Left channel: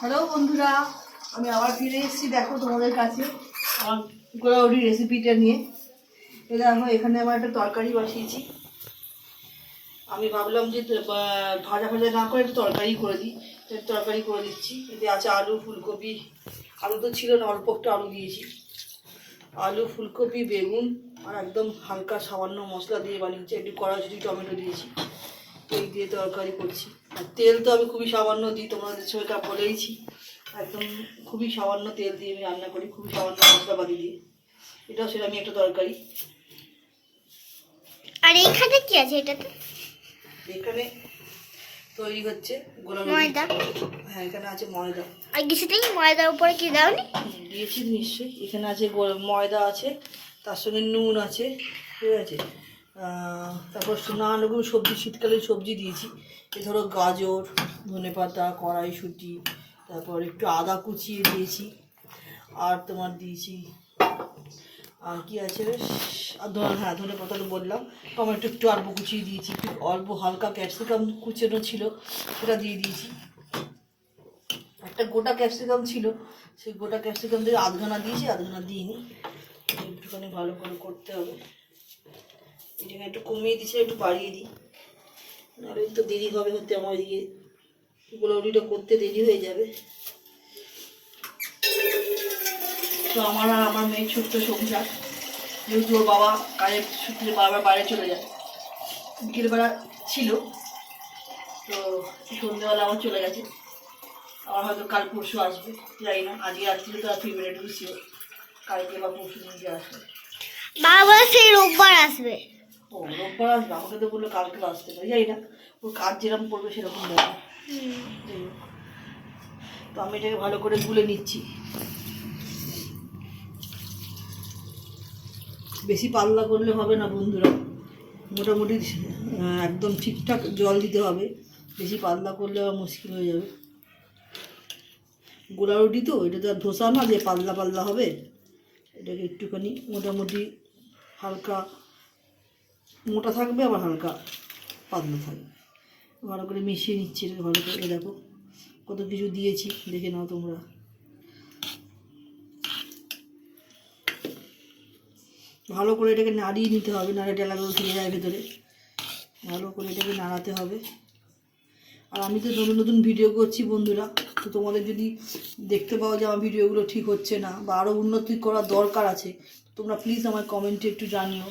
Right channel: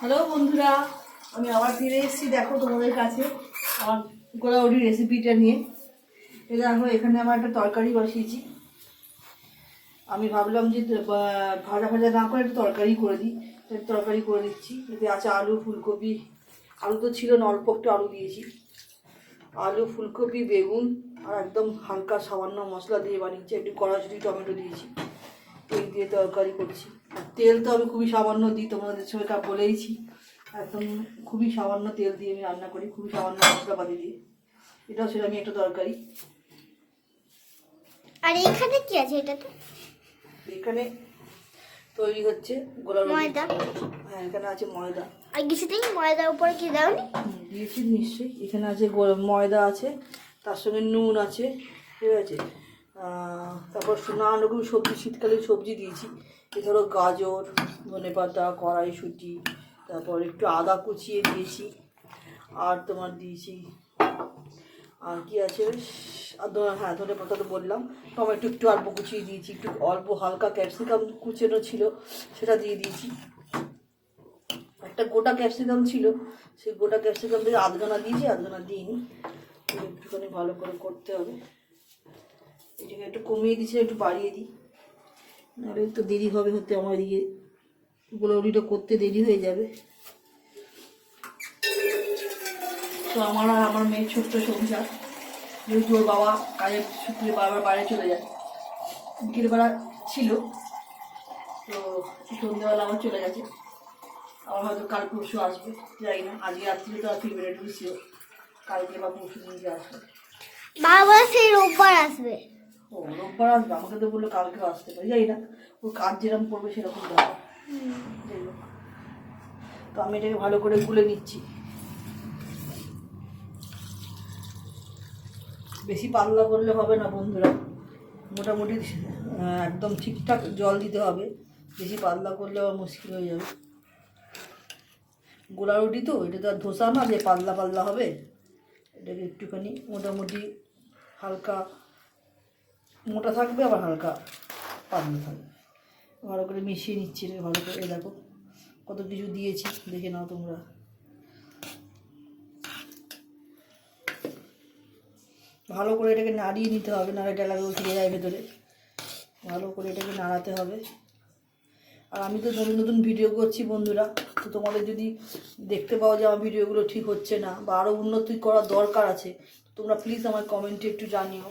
Hello বন্ধুরা, আমি আবার ফিরে এসেছি দেখো তোমাদের কাছে আমার গোলাউড়ি রেসিপিটা নিয়ে। দেখো এখানে আমার একটা তরকারি বসিয়েছি। আমি ভাবলাম যে ভাজা ভাজা না করে একটু তরকারি করে দিই, তরকারি করে দিচ্ছি। এতে আছে আলু, ফুলকপি, আলু তো ছিল না, অল্প একটু আলু দিয়েছি। আলু, ফুলকপি, বেগুন আর একদম হালকা সামান্য মশলা দিয়ে বানিয়েছি, একটু কড়াইশুঁটি, টমেটো দিয়েছি। এই দিয়ে তরকারি করছি। আর তেল তো আমি খুবই সামান্য দিই, তোমাদের সবাইকে বলেইছি। একদম খুবই সামান্য তেল দিয়ে আমি রান্না করি, খুবই সামান্য মশলাপাতি দিয়ে। এটাও সেটা আমি একটা তরকারি। আর এইখানে কি আছে? এটাতে এখানে তৈরি হচ্ছে গোলাপ ময়দা। হ্যাঁ, এখানে আছে ময়দা। আর কিছুতেই ময়দার উপরে কি দাওনি? দিয়েছি নিশ্চয়ই। এখানে আছে ময়দা আছে, তার সঙ্গে নুন আছে, ঠিক আছে। তারপর নানান রকম সবজি, শীতকালীন সবজি দিয়েছি। এ ধরো গাজর, ধনেপাতা, কড়াইশুঁটি, তারপর একটু আদা কুচিয়ে দিয়েছি। আর তোমার দিয়েছি আর কি আছে, হ্যাঁ ধনেপাতা তো বললাম। টমেটো একটু অল্প কুচিয়ে দিয়েছি, একটু অল্প হালকা ক্যাপসিকাম কুচানো ছিল, সেটা দিয়ে দিয়েছি। একটা গোটা ক্যাপসিকাম ছিল, সেই গোটা ক্যাপসিকাম দিয়ে আধখানা দিয়েছি, আধখানা দিইনি। একটুখানি ভালো করে করতে হবে। এটাকে একটু কমিয়ে দিয়েছি, একটু বাড়িয়ে দিই, নাহলে তো দেরি হবে হতে, আমার এদিকে গোলাউড়িটা করতে দেরি হয়ে যাবে। তো আমার আর আমার মেয়ের ছোট্ট সংসার, যেহেতু ওর বাবা কাজের সূত্রে বারবার বাইরে চলে যায়, বিকেলবেলা ছিল, তো সন্ধ্যেবেলা আমার চলে গেছে। আমার হয়তো কাল পরশু আসবে, জানি না। আজকে রাত্রিরে তো আর ফিরবে না, এটুকু শিওর। কালকে বা পরশু দিনকে আসবে। বাবা সেই রোববার আসবে। ও রোববার আসবে? আমাকে তো বললো কালকে আসতে পারে, জানি না। ওর কাজ যেরকম পড়বে সেরকম ব্যাপার। যাই হোক, তো আমি এটাকে ভালো করে গুলে নিচ্ছি। বেশি পাতলা করলে হবে না বন্ধুরা, মোটামুটি একদম ঠিকঠাক জল দিতে হবে। বেশি পাতলা করলে আবার মুশকিল হয়ে যাবে। গোলা রুটি তো, এটা তো আর ধোসা না যে পাতলা পাতলা হবে। এটাকে একটুখানি মোটামুটি হালকা মোটা থাকবে, আবার হালকা পাতলা থাকবে। ভালো করে মিশিয়ে নিচ্ছি এটা ভালো করে। এই দেখো কত কিছু দিয়েছি, দেখে নাও তোমরা। ভালো করে এটাকে নাড়িয়ে নিতে হবে, নাড়ে ডেলাগুলো ফিরে যায় ভেতরে। ভালো করে এটাকে নাড়াতে হবে। আর আমি তো নতুন নতুন ভিডিও করছি বন্ধুরা, তো তোমাদের যদি দেখতে পাও যে আমার ভিডিওগুলো ঠিক হচ্ছে না বা আরও উন্নতি করার দরকার আছে, তোমরা প্লিজ আমার কমেন্টে একটু জানিও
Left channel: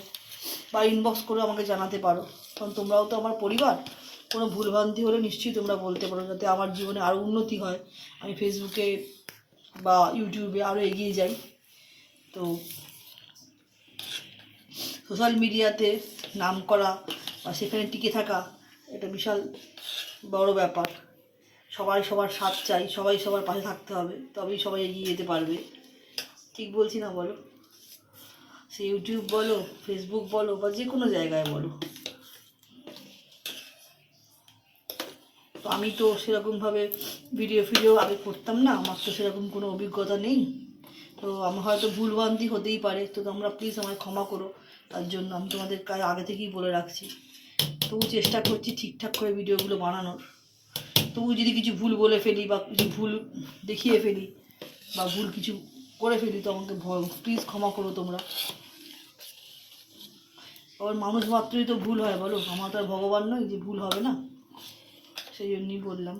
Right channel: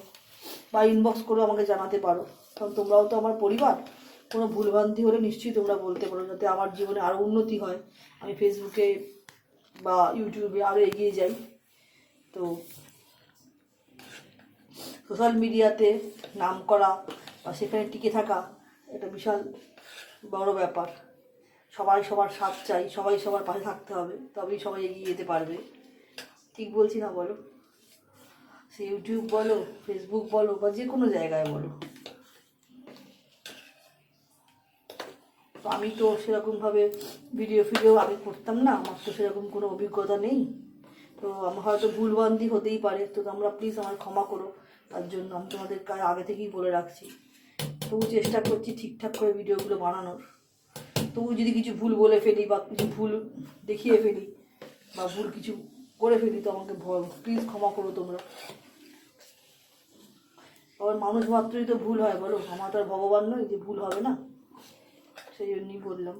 বা ইনবক্স করে আমাকে জানাতে পারো। কারণ তোমরাও তো আমার পরিবার। কোনো ভুলভ্রান্তি হলে নিশ্চয়ই তোমরা বলতে পারো, যাতে আমার জীবনে আরও উন্নতি হয়, আমি ফেসবুকে বা ইউটিউবে আরও এগিয়ে যাই। তো সোশ্যাল মিডিয়াতে নাম করা বা সেখানে টিকে থাকা এটা বিশাল বড় ব্যাপার। সবাই সবার সাথ চাই, সবাই সবার পাশে থাকতে হবে, তবেই সবাই এগিয়ে যেতে পারবে। ঠিক বলছি না বলো? সে ইউটিউব বলো, ফেসবুক বলো, বা যে কোনো জায়গায় বলো। তো আমি তো সেরকমভাবে ভিডিও আগে করতাম না, আমার তো সেরকম কোনো অভিজ্ঞতা নেই। তো আমার হয়তো ভুলভ্রান্তি হতেই পারে, তো তোমরা প্লিজ আমায় ক্ষমা করো। তার জন্য আমি তোমাদের কাছে আগে থেকেই বলে রাখছি। তবু চেষ্টা করছি ঠিকঠাক করে ভিডিওগুলো বানানোর। তবু যদি কিছু ভুল বলে ফেলি বা কিছু ভুল দেখিয়ে ফেলি বা ভুল কিছু করে ফেলি, তো আমাকে প্লিজ ক্ষমা করো তোমরা। আবার মানুষ মাত্রই তো ভুল হয় বলো, আমার তো আর ভগবান নই যে ভুল হবে না। সেই জন্যই বললাম।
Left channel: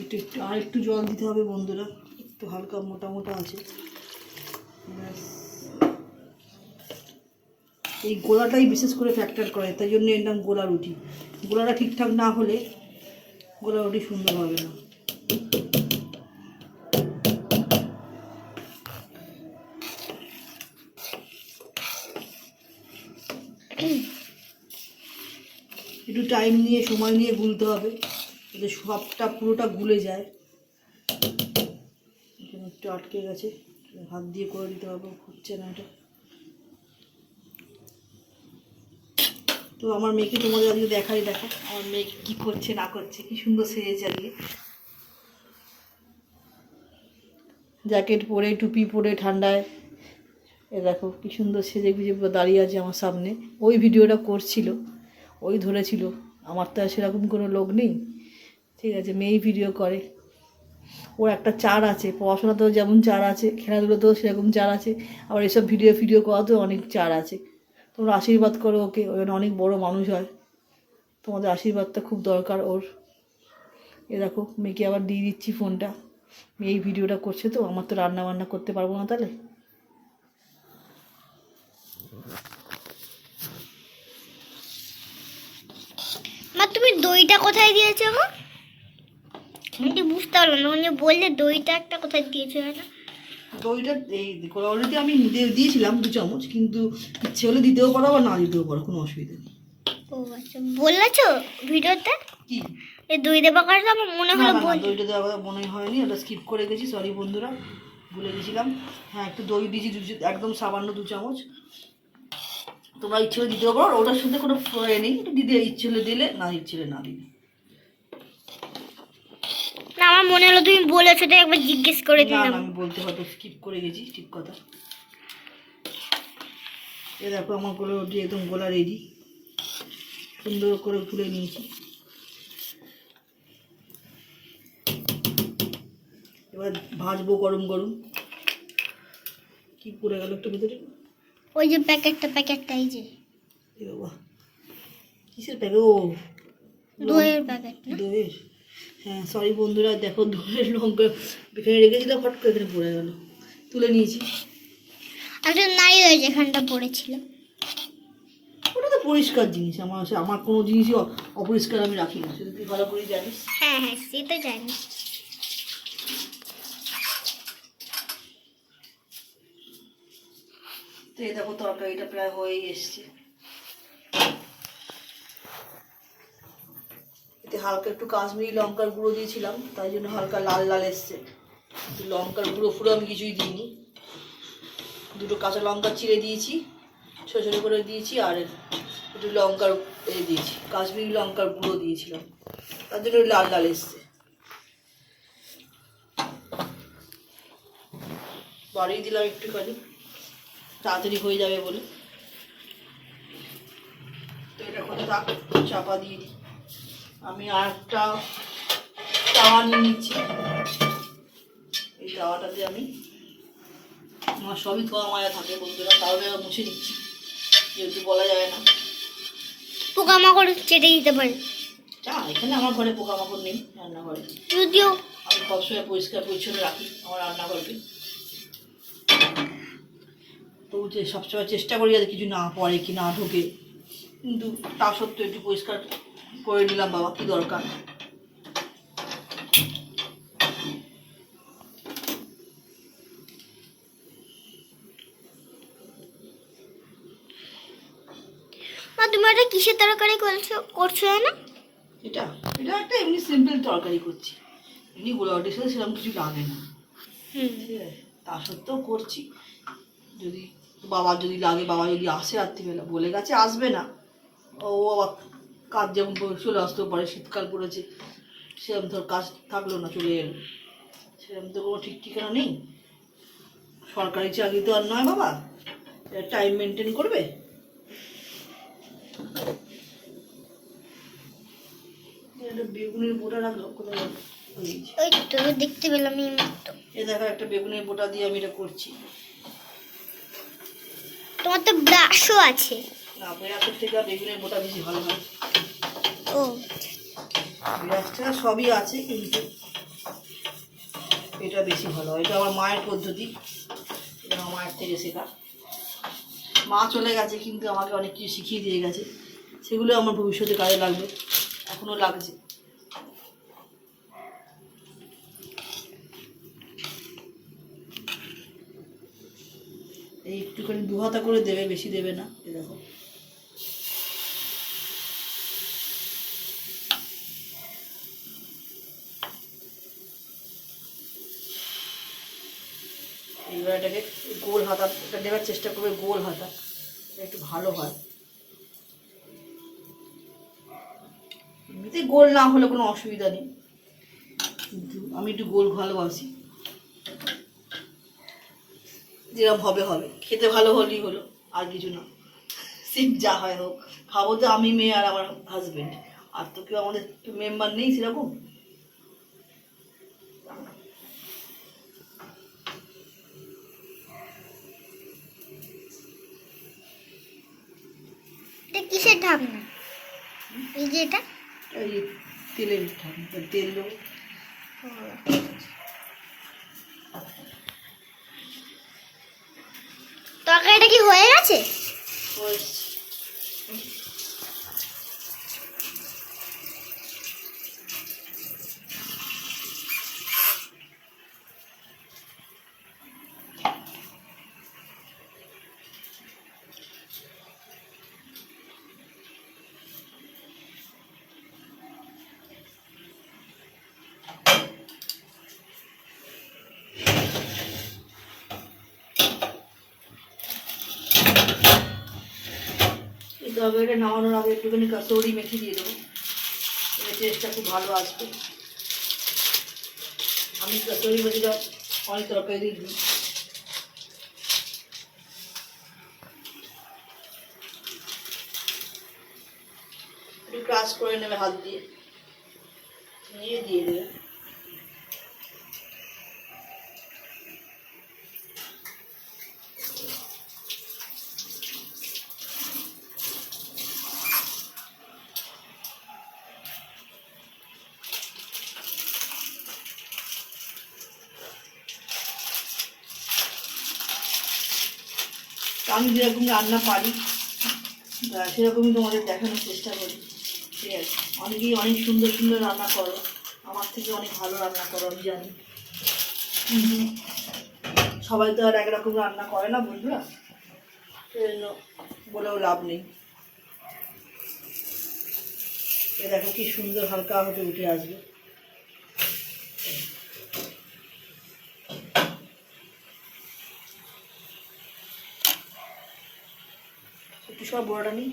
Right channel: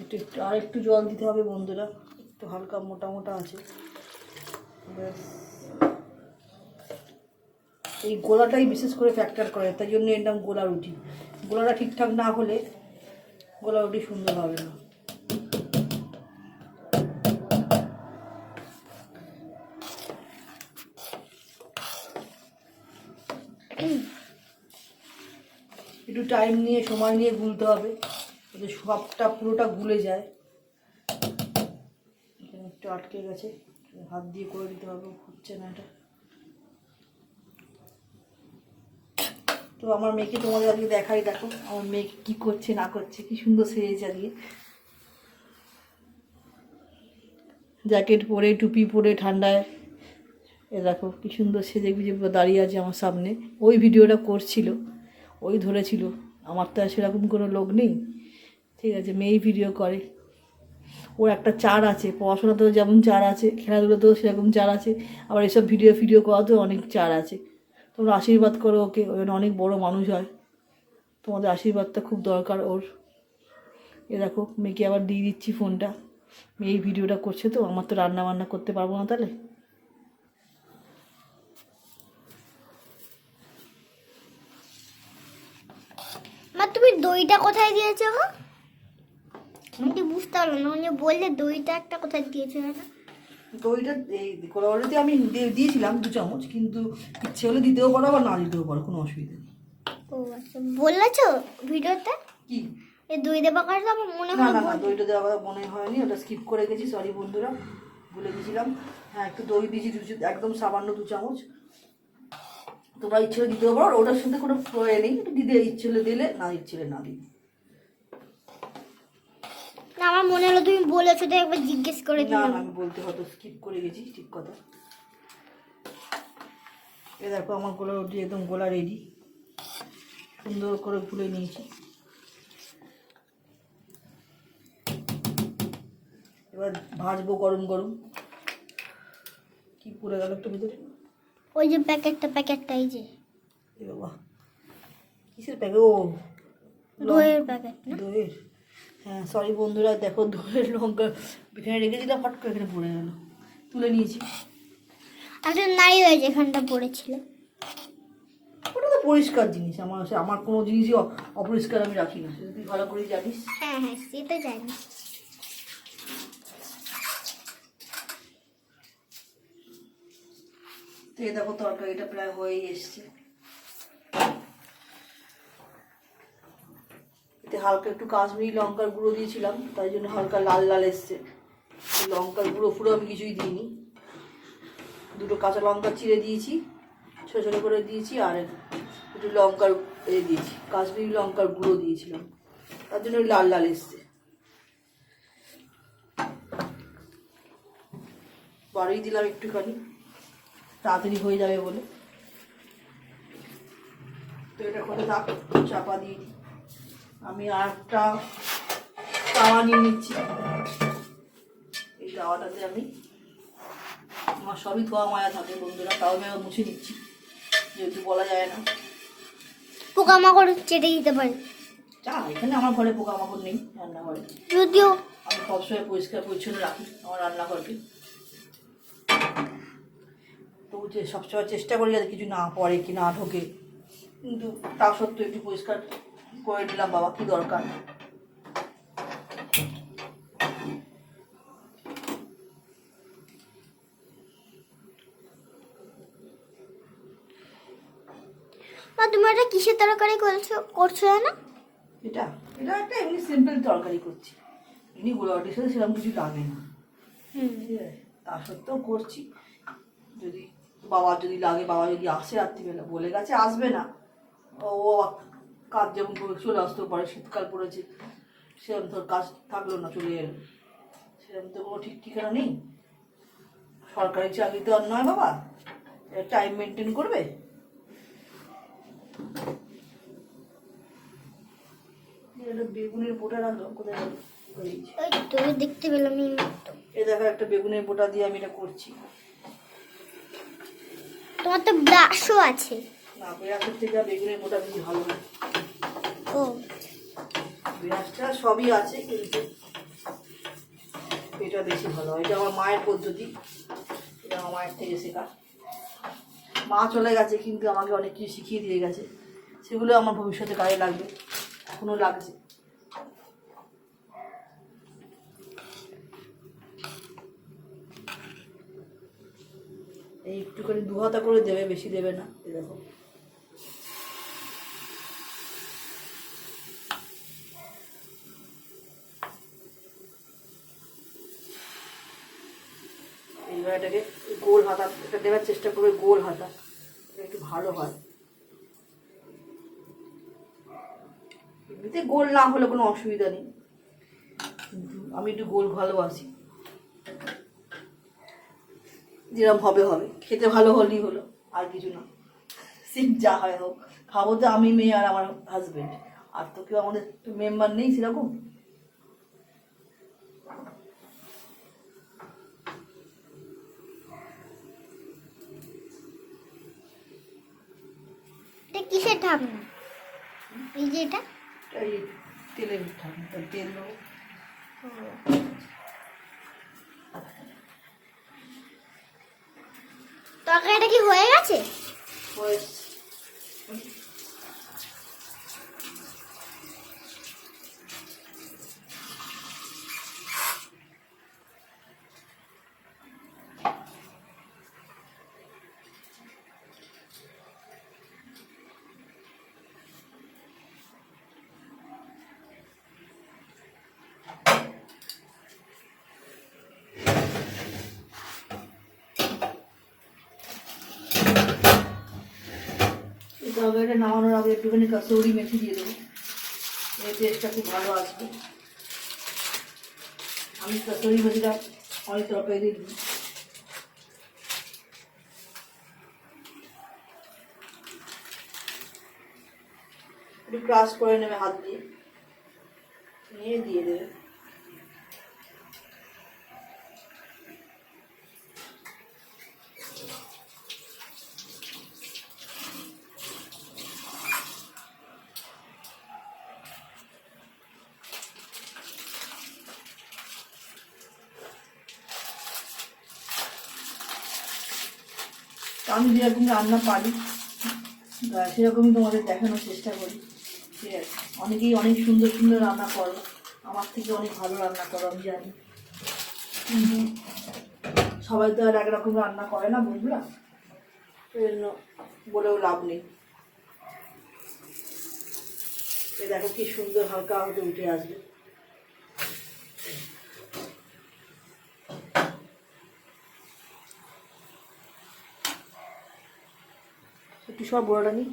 একটু একটু আর একটু জল দিতে হবে বন্ধুরা, একটু হালকা মোটা মোটা আছে। এই গোলাটাই বিশেষ করে ফ্যাক্টর করে, তাই জন্য এর নাম গোলা রুটি। গোলাটা ঠিকঠাক না হলে গোলা রুটি সুন্দর হবে না। একটু টাইম নিয়ে, সময় নিয়ে গুলতে হবে, যাতে সবটা পুরোটা গুলে যায়। এখানে একটু আটকে গেছে, হাত দিয়ে করে দিতে হবে, হচ্ছে না এটা। তো আমার মেয়েকে তোমাদের আজকে দেখাই, দেখো আমার মেয়ে কী করছে না করছে, কি সুন্দর সেজেছে আজকে। জ্যাকেট পরে টুপি পরে ঠান্ডায় এ দেখো কি সুন্দর সেজে গুজে দাঁড়িয়ে আছে আমার সামনে। ওই ভিডিওটা করছিল, ওই ধরেছিল। আমার তো আর সেরকম কোনো লোক নেই, ঠিক আছে, মেয়েই ভিডিও করে। ওর একটা চার আছে, পড়াশোনাতেও যেমন চার আছে, খেলাধুলোতেও সেরকম চার আছে, আবার এসব ভিডিও করাতেও অনেক চার আছে। তোমরা আশীর্বাদ করো ওকে, ওই জন্য অনেক বড় মানুষ হয়। তোমাদের আশীর্বাদটা খুব দরকার ওর। এ দেখো মেয়েকে আবার দিয়ে দিচ্ছি ফোনটা, মেয়ে এই ভিডিওটা করছে, তো আমার তো রান্না বান্না করতে পারবো না তাহলে। মা তুমি দইটা কোথায় দিয়েছো গো? আমি বুঝতে পারলাম না, মানে বললে দইটা একটা কোথায় দিয়েছো না? দইটা এই কোলাওয়ালিতে আমি দিয়েছিলাম 2 চামচ, কিন্তু ইচ্ছে হলে দিতেও পারো আবার না দিতেও পারো, কোনো অসুবিধা নেই। ও আচ্ছা, বললেছো ভিডিওতে কি এই দই দেবা কাজ আমার মনে না হলো না, বল। দইটা দেওয়া মনে হয়নি, ওটা স্কিপ করে গেছি, সরি বন্ধুরা, ভুলে গেছিলাম। হ্যাঁ, একটু দই দিয়েছি, একদম সামান্য 2 চামচ। তোমরা ইচ্ছে হলে দিতেও পারো, ওটার সাথে কোনো এ নেই, দিতে ইচ্ছে হলে দিলে, না ইচ্ছে হলে না দিলে। না আমার মনে হলো তুমি বলেছো, তো একবার জিজ্ঞেস করে না দিলাম। না, আমি বলতে হয়তো স্কিপ করে গেছি, ঠিক কথা। এ দেখো আমার গোলাটি একদম গোলা রেডি, সুন্দর করে ঘুরে নিয়েছি। এবার ভাজবো গরম গরম। কি পড়ে গেল একটা ভিতরে? ওই যে প্যাকেটটা এই যে এ বাবা, কিসের প্যাকেট? ও দইয়ের প্যাকেট না? দইয়ের। হ্যাঁ সরি বন্ধুরা, দেখো দইয়ের লঙ্কা এখানে রেখেছিলাম, ফট করে এখানে পড়ে গেল, তুলে নিয়েছি। একটা নাই হয়েছে এখানটা পড়েছিল। ওটা তো পরিষ্কার জিনিস, আমার কোনো জিনিসই অপরিষ্কার আমি রাখি না, সেটা তুই ভালো করেই জানিস। হ্যাঁ হ্যাঁ, সে তো জানি। তো এই দেখো তরকারিটা প্রায় হয়েই এসছে। এতে হালকা একটু কাশ্মীরি লঙ্কার গুঁড়ো দিয়েছিলাম, তাই জন্য হালকা লাল লাল এসছে। লঙ্কার গুঁড়ো ফুড়ো আমি কিছুই দিইনি, 2টো কাঁচা লঙ্কা চিড়ে দিয়েছি, ছোটো ছোটো করে দিয়েছি, আর একটু লঙ্কার দিয়েছি, কাশ্মীরি লঙ্কার গুঁড়ো দিয়েছিলাম, তার জন্য লাল লাল এসছে। বাড়িয়ে দিলাম একটুখানি, তাড়াতাড়ি হয়ে যাবে বলে। তো এটা করে থাক, চাপা দিয়ে দিই। আমি আর একটা তাওয়া নিয়ে নিচ্ছি। এই তাওয়াটাতে আমি, আমার সবই ধোয়া মায়া থাকে বন্ধুরা, তাও আমি মুছে নিচ্ছি, যেহেতু বলা যায় না। পোকামাকড় চেটে দিতে পারে। যা, এখানে আমার ঘরে পোকামাকড় নেই রান্নাঘরে, যদিও আমি সবসময় পরিষ্কার পরিচ্ছন্ন রাখি আমার রান্নাঘরকে। তো সবসময় চেষ্টা করি যাতে কিছু না পড়ে কি না ঢোকে, কিন্তু তা সত্ত্বেও একটু পরিষ্কার করে নিলাম, বাবা কি দরকার। মা তুমি একটা কিসের তরকারি করছো না? এটা এটা একটা এমনি সিম্পল তরকারি করছি, এমনি গোলাঘাটের সাথে সেরকম কিছু লাগে না, ঠিক আছে, তা সত্ত্বেও করছি। যদি বাবার যদি লাগে, বাবা যদি আসে রাত্রিবেলা, বলে গেছে আসবে না, ও কাজ যেমন চলে আসতেও পারে, শীতকাল পড়েছে, সেরকম ধর কাজ থাকলো না, চলে এলো, সেরকম তো কোনো ঠিক ঠিকানা নেই। সরকারি চাকরি তো আর নয় বাবা, টাইম মেনটেন করবে। বেগুনের বোটা রাখলো কোথায় গেল? ওই তো দেখতে পেলাম এই মাত্র। এই দেখো একটা বেগুনের বোটা দিয়ে আমি এটা করছি। তোমার তো ব্রাশও আছে। না, ব্রাশের থেকে বেগুনের বোটা বেশি ভালো হয়। ও ব্রাশটা সবই আছে, কিন্তু এটা বেশি ভালো হয়। এটা আমার মায়ের পদ্ধতি, এটা আমার মায়ের থেকে শেখা। মা চলে গেছে, কিন্তু আমাকে অনেক কিছু শিখিয়ে দিয়ে গেছে, সেগুলো আমার ভবিষ্যতে কাজে লাগবে, এখনও লাগছে। এই একটুখানি 2 হাতা করে দেবে, বেশি দেবে না। এই দেখো এইবার এটাকে গোল হাতা, এটা দেওয়ার চেষ্টা করবে, গোল হাতা, এটা একটু ভালো হয়। এমনিতে গোল না হলে কোনো অসুবিধা নেই, কিন্তু আমি একটু গোল ভালোবাসি। যেরকম হবে হবে, খেতে ভালো হলেই হলো, আর কিছু না। সিট যা হয় হোক, খাবো তো আমি, মেয়ে আর আমার হাজবেন্ড, আর তো কেউ আমাদের মেম্বার নেই সেরকম। এটা কিসের ঢাকনা? এই যে এটা এই তেলের তেল দেবো। তরকারিটা কি হয়ে গেছে? হয়েছে। এই তরকারিটা নামানোর আগে একটুখানি কাসৌরি মেথি দিয়ে দেবো, এর টেস্টটা খুব ভালো আসবে। আমি কাসৌরি মেথিটা অনেক তরকারি দিয়ে দিই। একটু ক্রাশ করে নেবে হাত দিয়ে, নিয়ে দিয়ে দেবে। আমি যেরকম রান্না পারি সেরকমই তোমাদের দেখানোর চেষ্টা করি, ঠিক আছে? অনেকেই অনেক সুন্দর সুন্দর রান্না করো, আমার থেকে অনেক ভালো রান্না করো আমি জানি, কিন্তু সবাই তো আর একরকম রান্না করে না বন্ধুরা, সেই জন্য বলেও লাভ নেই। এ দেখো কি সুন্দর হালকা হতে উঠে আসবে। একটু সব বড়টা নিই,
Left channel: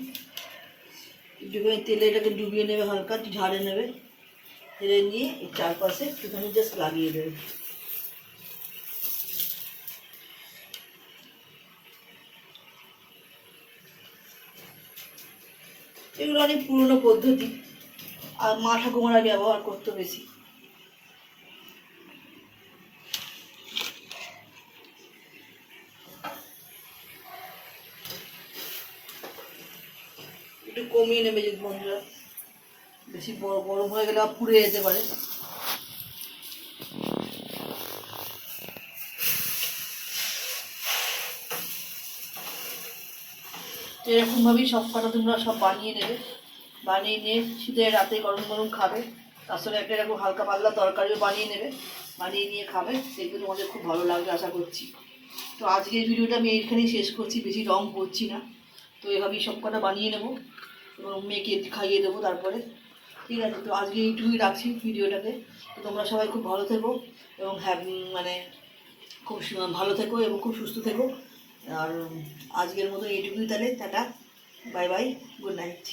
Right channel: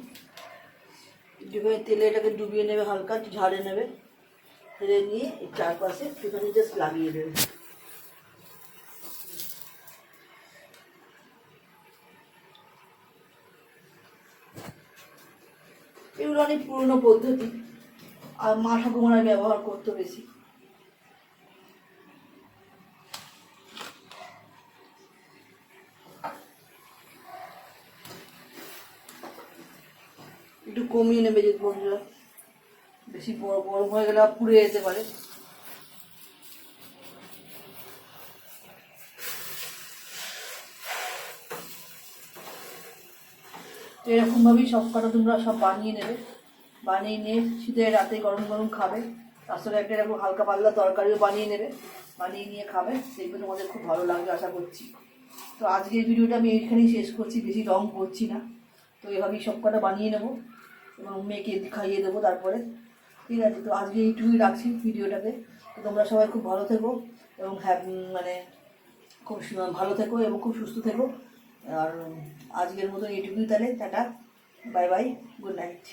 একটুখানি তেলে এটাকে ডুবিয়ে নেবে, হালকা ঝাড়ে নেবে, ঝেড়ে নিয়ে এই চারপাশে একটুখানি জাস্ট লাগিয়ে দেবে। এগুলো অনেক পুরনো পদ্ধতি, আর মা ঠাকুমারা ব্যবহার করতো বেশি। একটু কমিয়ে নেবে যদি বন্ধুরা, বেশি গরম হয়ে গেলে পুড়ে যেতে পারে। এরকমভাবেই সব কটা তোমরা সব বানিয়ে নেবে, বানিয়ে নিয়ে শীতের রাতে গরম গরম খাবে, তার সঙ্গে একটা এরকম হালকা পাতলা তরকারিও বানিয়ে নেবে, বানিয়ে নিয়ে খাবে, দেখবে তোমাদের খুব ভালো লাগবে আশা করছি। তো আজকের ভিডিওটা আমি এইখানেই শেষ করছি, বেশি রং করছি না। তো এভাবেই সব কটা বানিয়ে নেবো এবং মেয়েকে খাইয়ে দেবো তারপরে, ঠিক আছে? তো আজকে এইটুকুই রাখছি ভিডিওটাকে। তো তোমরা সবাই খুব ভালো থেকো এবং মানে খুব ভালো থেকো এবং খুব সুস্থ থেকো। আর আজকের মতো এইটুকুই, তাহলে tata, bye bye, good night.